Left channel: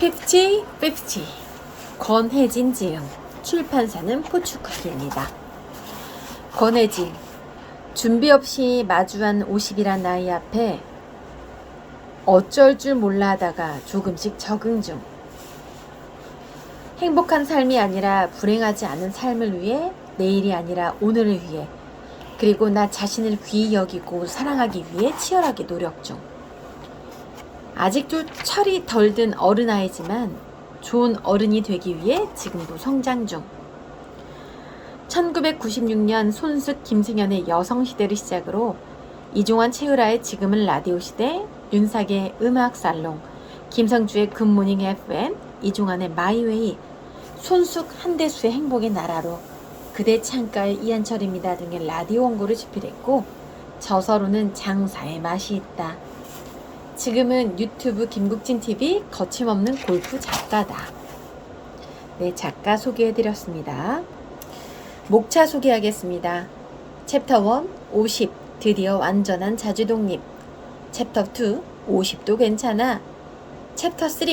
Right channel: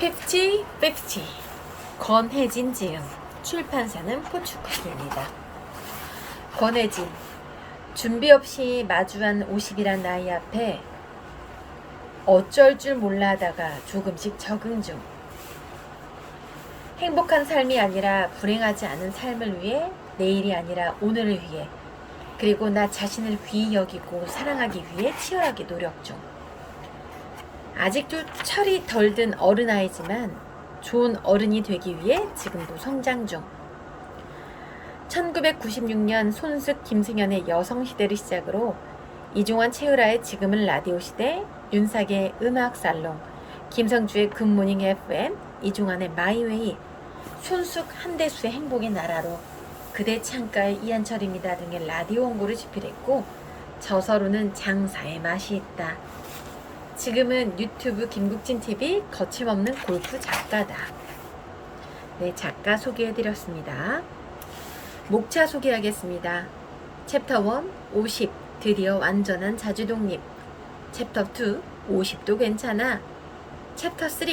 50-50 권혜진 지음 출판사는 포추쿠키입니다. 권혜진 준비 없이 마주한 50이란 나이 앞에 어쩔 줄 몰라 하다가 조금씩 적응 중. 행복한 삶이 아니라 불행하지 않은 삶을 위해 내일이 아니라 오늘을 위해 그리고 나 자신을 귀히 여기고 사랑하기 위해 치열하게 노력 중. 아직도 철이 덜 든 어른 아이지만 좋은 어른이 되기 위해 지금도 성장 중. 1996년 손숙 김승현의 여성 시대를 시작으로 이종환 최유라의 지금은 라디오 시대, 윤삭의 음악 살롱, 김성주의 굿모닝 FM, 이종환의 마이웨이, 손숙 한대수의 행복의 나라로 그대 창가의 이한철입니다 등의 라디오 원고를 집필했고 저서로는 장사의 맛이 있다. 지금은 유튜브 김국진 TV 거침없는 골프 작가다. 네, 작가 소개해드렸습니다. 목차 소개하겠습니다. 챕터 1 50 드디어 완전한 자주독립 챕터 2 50도 괜찮아 챕터 3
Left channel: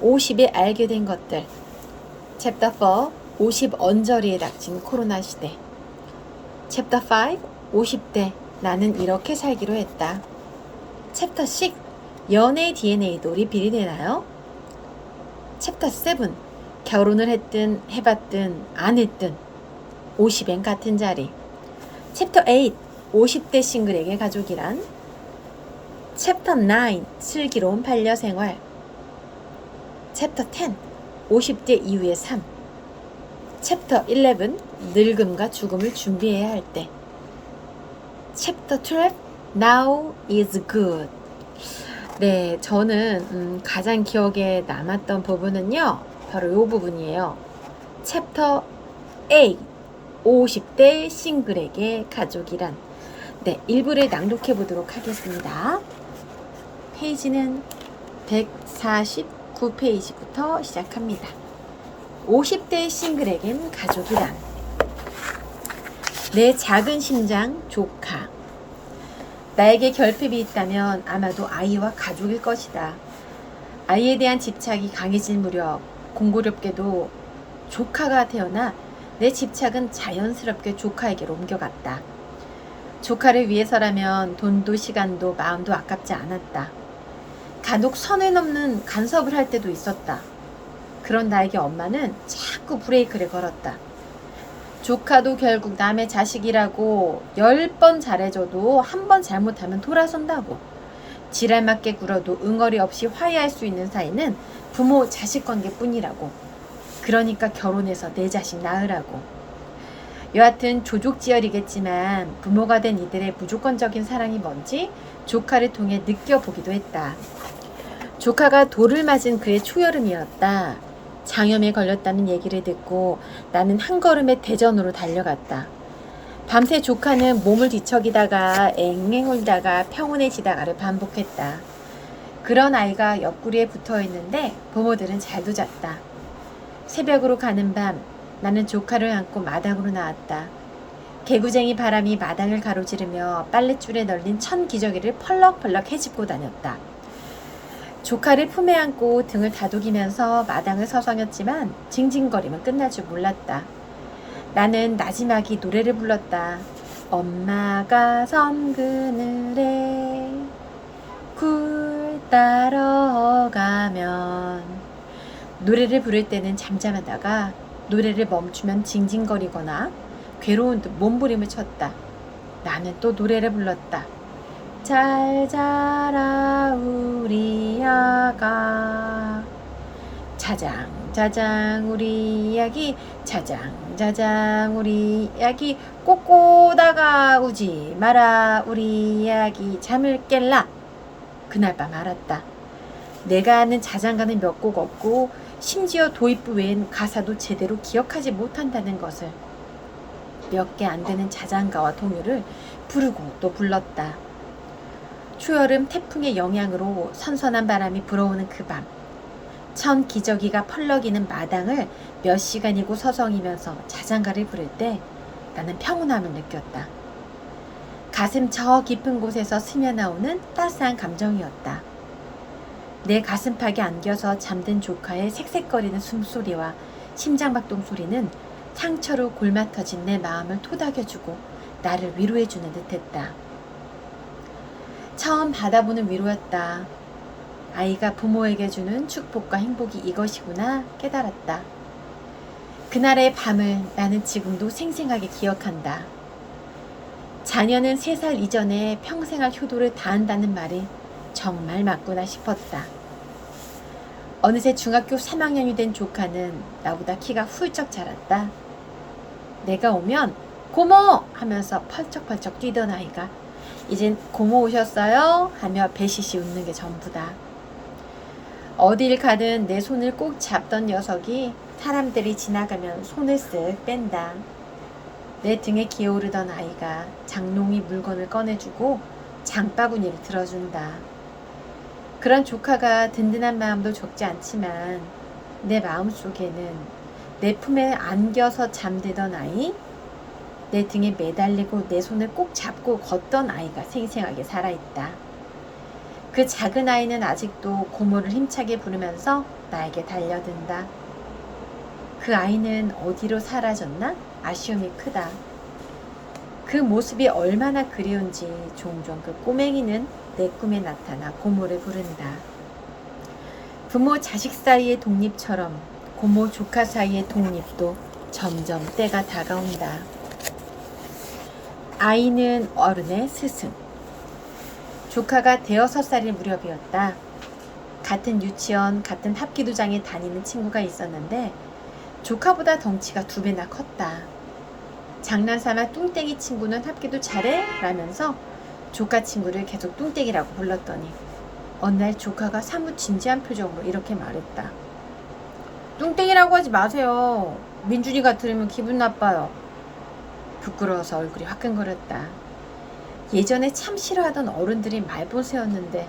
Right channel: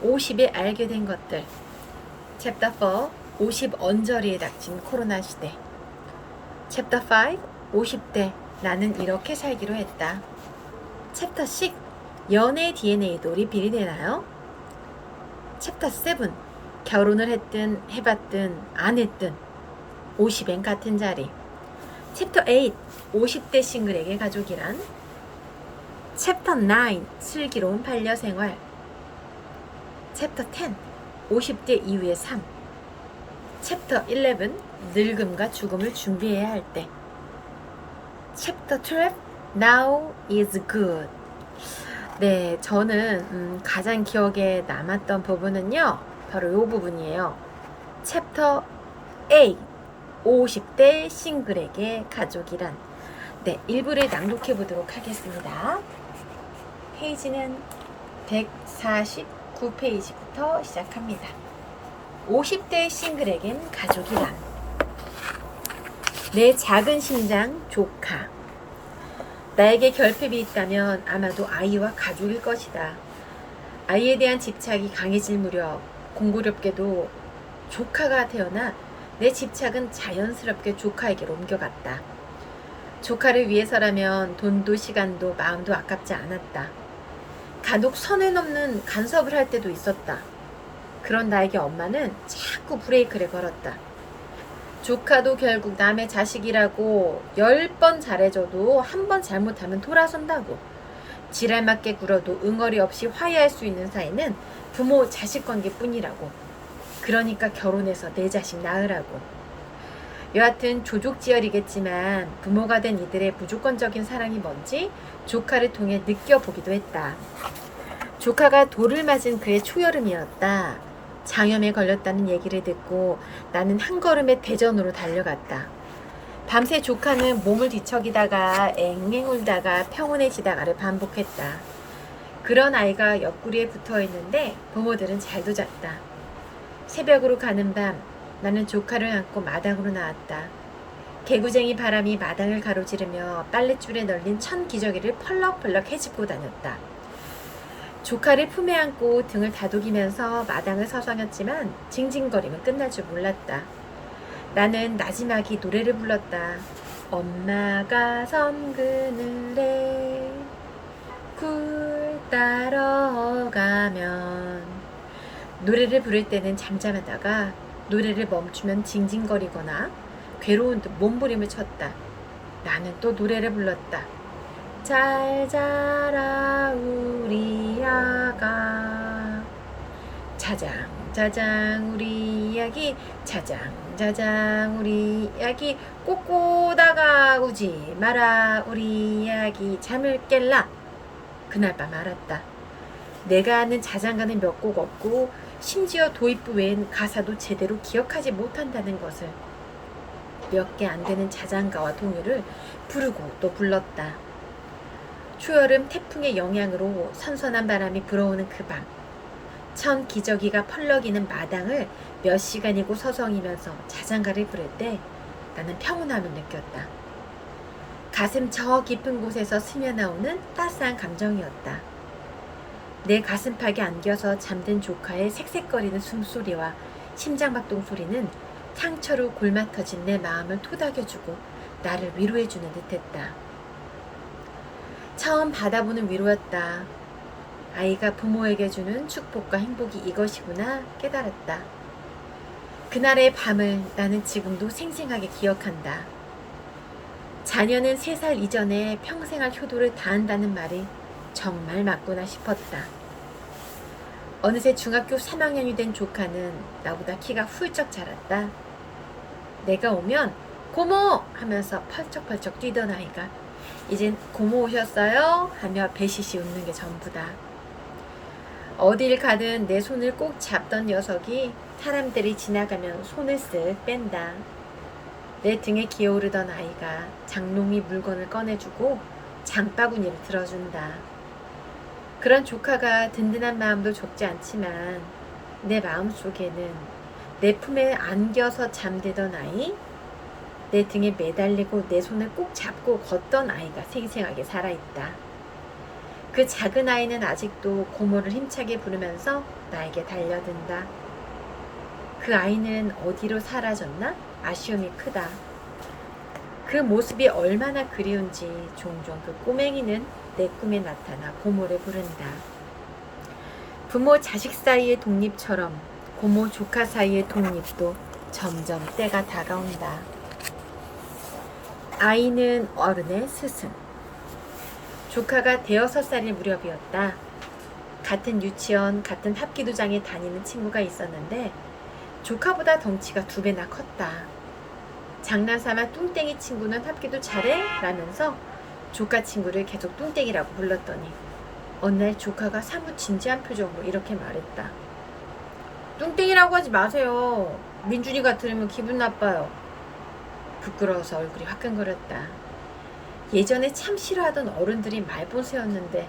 50에 알게 된 것들 챕터 4 50 언저리에 닥친 코로나 시대 챕터 5 50대 나는 이렇게 살기로 했다 챕터 6 연애 DNA도 리필이 되나요? 챕터 7 결혼을 했든 해봤든 안 했든. 50엔 같은 자리. 챕터 8 50대 싱글에게 가족이란. 챕터 9 슬기로운 반려생활. 챕터 10 50대 이후의 삶. 챕터 11 늙음과 죽음을 준비해야 할 때. 챕터 12 Now is good 네, 저는 음, 가장 기억에 남았던 부분은요 바로 이 부분이에요 챕터 8 50대 싱글에게 가족이란 네, 일부를 낭독해 보도록 하겠습니다. 페이지는 149페이지부터 시작합니다. 50대 싱글에겐 가족이란 내 작은 심장 조카 나에게 결핍이 있다면 아마도 아이와 가족일 것이다. 아이에 대한 집착이 강해질 무렵 공고롭게도 조카가 태어나 내 집착은 자연스럽게 조카에게로 옮겨갔다. 조카를 위해서라면 돈도 시간도 마음도 아깝지 않았다. 간혹 선을 넘는 간섭을 할 때도 있었다. 그런 나에게 엄마는 자꾸 브레이크를 걸었다. 조카도 결국 남의 자식이라고 열 번 잘해줘도 한 번 잘못하면 돌아선다고. 지랄맞게 굴어도 응어리 없이 화해할 수 있는 사이는 부모 자식 관계뿐이라고. 그러니까 결혼해서 내 자식 낳으라고. 여하튼 조족지열이겠지만 부모가 된 이들의 무조건적인 사랑이 뭔지 조카를 통해 느껴보기도 했다. 조카가 돌을 맞은 그의 초여름이었다. 장염에 걸렸다는 얘기를 듣고 나는 한 걸음에 대전으로 달려갔다. 밤새 조카는 몸을 뒤척이다가 앵앵 울다가 평온해지다가를 반복했다. 그런 아이가 옆구리에 붙어 있는데 부모들은 잘도 잤다. 새벽으로 가는 밤 나는 조카를 안고 마당으로 나왔다. 개구쟁이 바람이 마당을 가로지르며 빨랫줄에 널린 천 기저귀를 펄럭펄럭 헤집고 다녔다. 조카를 품에 안고 등을 다독이면서 마당을 서성였지만 징징거림은 끝날 줄 몰랐다. 나는 나지막이 노래를 불렀다. 엄마가 선 그늘에 굴 따러 가면 노래를 부를 때는 잠잠하다가 노래를 멈추면 징징거리거나 괴로운 듯 몸부림을 쳤다. 나는 또 노래를 불렀다. 잘 자라 우리 아가. 자장 자장 우리 아기. 자장 자장 우리 아기. 꼬꼬다가 우지 마라 우리 아기. 잠을 깰라. 그날 밤 알았다. 내가 아는 자장가는 몇 곡 없고 심지어 도입부 외엔 가사도 제대로 기억하지 못한다는 것을. 몇 개 안 되는 자장가와 동요를 부르고 또 불렀다. 초여름 태풍의 영향으로 선선한 바람이 불어오는 그 밤, 천 기저귀가 펄럭이는 마당을 몇 시간이고 서성이면서 자장가를 부를 때 나는 평온함을 느꼈다. 가슴 저 깊은 곳에서 스며나오는 따스한 감정이었다. 내 가슴팍에 안겨서 잠든 조카의 색색거리는 숨소리와 심장박동 소리는 상처로 골마 터진 내 마음을 토닥여주고 나를 위로해주는 듯했다. 처음 받아보는 위로였다. 아이가 부모에게 주는 축복과 행복이 이것이구나 깨달았다. 그날의 밤을 나는 지금도 생생하게 기억한다. 자녀는 세살 이전에 평생할 효도를 다한다는 말이 정말 맞구나 싶었다. 어느새 중학교 3학년이 된 조카는 나보다 키가 훌쩍 자랐다. 내가 오면 고모 하면서 펄쩍펄쩍 뛰던 아이가 이젠 고모 오셨어요? 하며 배시시 웃는 게 전부다. 어딜 가든 내 손을 꼭 잡던 녀석이 사람들이 지나가면 손을 쓱 뺀다. 내 등에 기어오르던 아이가 장롱이 물건을 꺼내주고 장바구니를 들어준다. 그런 조카가 든든한 마음도 적지 않지만 내 마음 속에는 내 품에 안겨서 잠들던 아이, 내 등에 매달리고 내 손을 꼭 잡고 걷던 아이가 생생하게 살아있다. 그 작은 아이는 아직도 고모를 힘차게 부르면서 나에게 달려든다. 그 아이는 어디로 사라졌나? 아쉬움이 크다. 그 모습이 얼마나 그리운지 종종 그 꼬맹이는 내 꿈에 나타나 고모를 부른다. 부모 자식 사이의 독립처럼 고모 조카 사이의 독립도 점점 때가 다가온다. 아이는 어른의 스승. 조카가 대여섯 살일 무렵이었다. 같은 유치원, 같은 합기도장에 다니는 친구가 있었는데 조카보다 덩치가 두 배나 컸다. 장난삼아 뚱땡이 친구는 합기도 잘해? 라면서 조카 친구를 계속 뚱땡이라고 불렀더니 어느 날 조카가 사뭇 진지한 표정으로 이렇게 말했다. 뚱땡이라고 하지 마세요. 민준이가 들으면 기분 나빠요. 부끄러워서 얼굴이 화끈거렸다. 예전에 참 싫어하던 어른들이 말보세였는데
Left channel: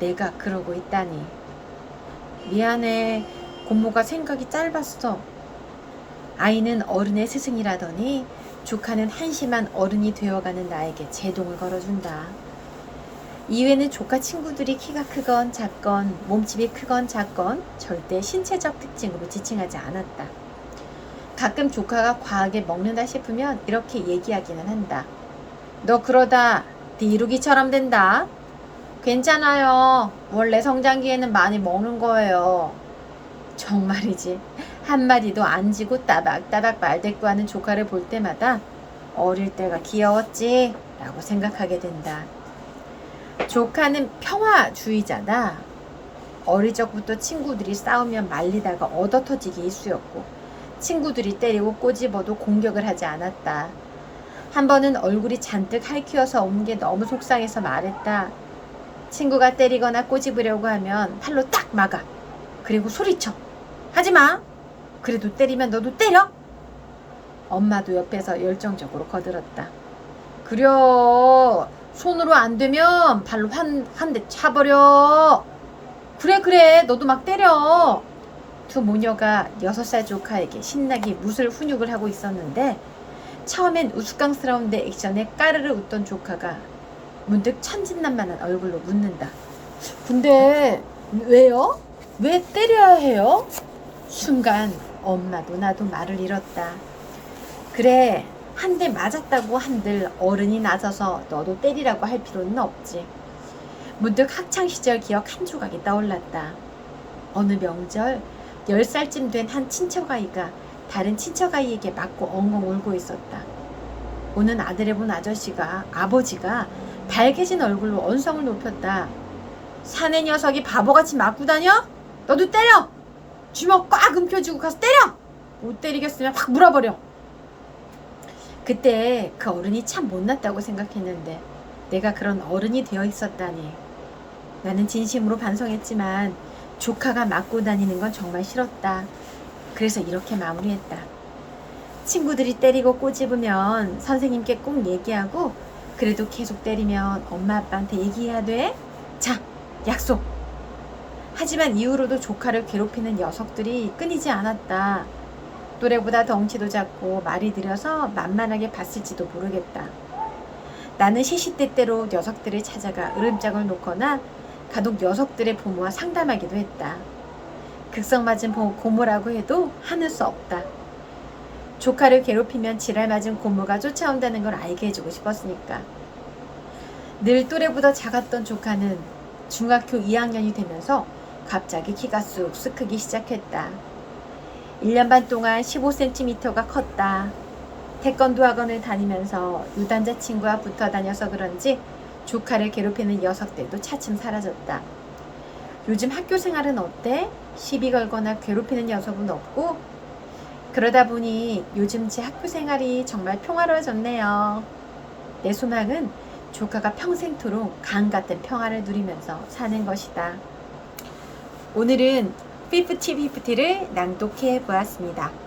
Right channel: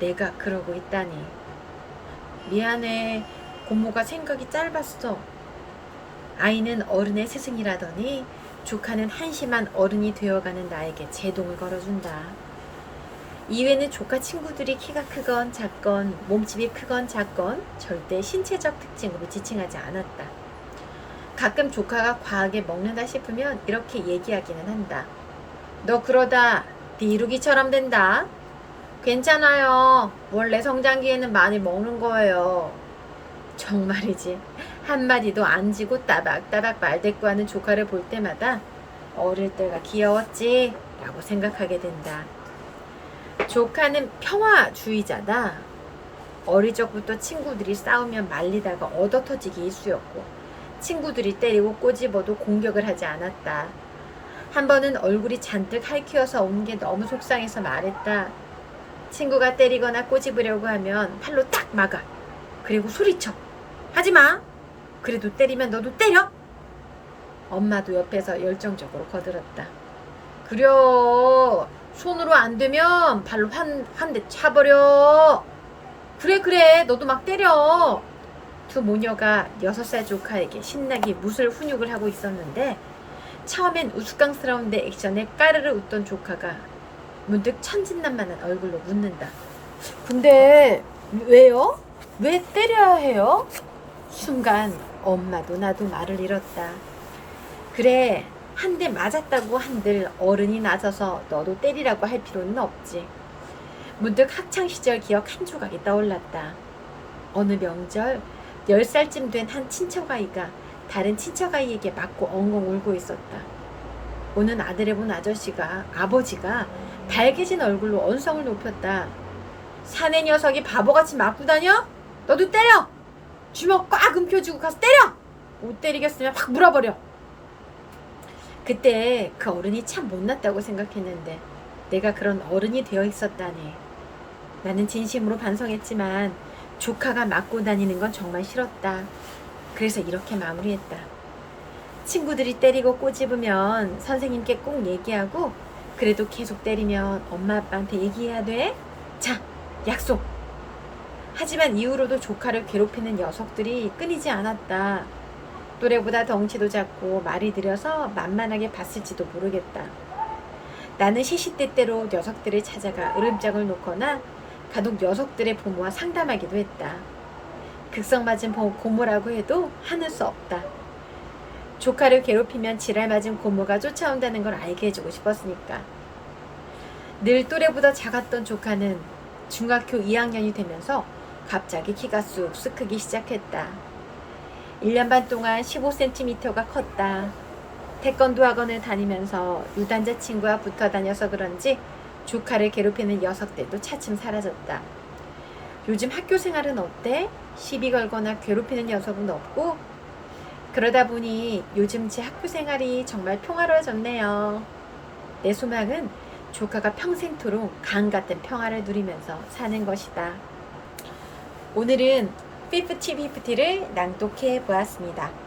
내가 그러고 있다니. 미안해. 고모가 생각이 짧았어. 아이는 어른의 스승이라더니 조카는 한심한 어른이 되어가는 나에게 제동을 걸어준다. 이외에는 조카 친구들이 키가 크건 작건 몸집이 크건 작건 절대 신체적 특징으로 지칭하지 않았다. 가끔 조카가 과하게 먹는다 싶으면 이렇게 얘기하기는 한다. 너 그러다 네 이루기처럼 된다. 괜찮아요. 원래 성장기에는 많이 먹는 거예요. 정말이지. 한마디도 안 지고 따박따박 말대꾸하는 조카를 볼 때마다 어릴 때가 귀여웠지 라고 생각하게 된다. 조카는 평화주의자다. 어릴 적부터 친구들이 싸우면 말리다가 얻어 터지기 일쑤였고 친구들이 때리고 꼬집어도 공격을 하지 않았다. 한 번은 얼굴이 잔뜩 할퀴어서 온 게 너무 속상해서 말했다. 친구가 때리거나 꼬집으려고 하면 팔로 딱 막아. 그리고 소리쳐. 하지 마. 그래도 때리면 너도 때려. 엄마도 옆에서 열정적으로 거들었다. 그려. 손으로 안 되면 발로 한, 한 대 차버려. 그래, 그래. 너도 막 때려. 두 모녀가 여섯 살 조카에게 신나게 무술 훈육을 하고 있었는데, 처음엔 우스꽝스러운 내 액션에 까르르 웃던 조카가 문득 천진난만한 얼굴로 묻는다. 근데 왜요? 왜 때려야 해요? 순간 엄마도 나도 말을 잃었다. 그래, 한 대 맞았다고 한들 어른이 나서서 너도 때리라고 할 필요는 없지. 문득 학창 시절 기억 한 조각이 떠올랐다. 어느 명절 10살쯤 된 한 친척 아이가 다른 친척 아이에게 맞고 엉엉 울고 있었다. 오는 아들을 본 아저씨가 아버지가 밝게진 얼굴로 언성을 높였다. 사내 녀석이 바보같이 맞고 다녀? 너도 때려! 주먹 꽉 움켜쥐고 가서 때려! 못 때리겠으면 확 물어버려. 그때 그 어른이 참 못났다고 생각했는데 내가 그런 어른이 되어 있었다니. 나는 진심으로 반성했지만 조카가 맞고 다니는 건 정말 싫었다. 그래서 이렇게 마무리했다. 친구들이 때리고 꼬집으면 선생님께 꼭 얘기하고 그래도 계속 때리면 엄마 아빠한테 얘기해야 돼? 자, 약속! 하지만 이후로도 조카를 괴롭히는 녀석들이 끊이지 않았다. 또래보다 덩치도 작고 말이 느려서 만만하게 봤을지도 모르겠다. 나는 시시때때로 녀석들을 찾아가 으름장을 놓거나 가족 녀석들의 부모와 상담하기도 했다. 극성맞은 보- 고모라고 해도 하는 수 없다. 조카를 괴롭히면 지랄 맞은 고모가 쫓아온다는 걸 알게 해주고 싶었으니까. 늘 또래보다 작았던 조카는 중학교 2학년이 되면서 갑자기 키가 쑥쑥 크기 시작했다. 1년 반 동안 15cm가 컸다. 태권도 학원을 다니면서 유단자 친구와 붙어 다녀서 그런지 조카를 괴롭히는 녀석들도 차츰 사라졌다. 요즘 학교 생활은 어때? 시비 걸거나 괴롭히는 녀석은 없고? 그러다 보니 요즘 제 학교 생활이 정말 평화로워졌네요. 내 소망은 조카가 평생토록 강 같은 평화를 누리면서 사는 것이다. 오늘은 50-50를 낭독해 보았습니다.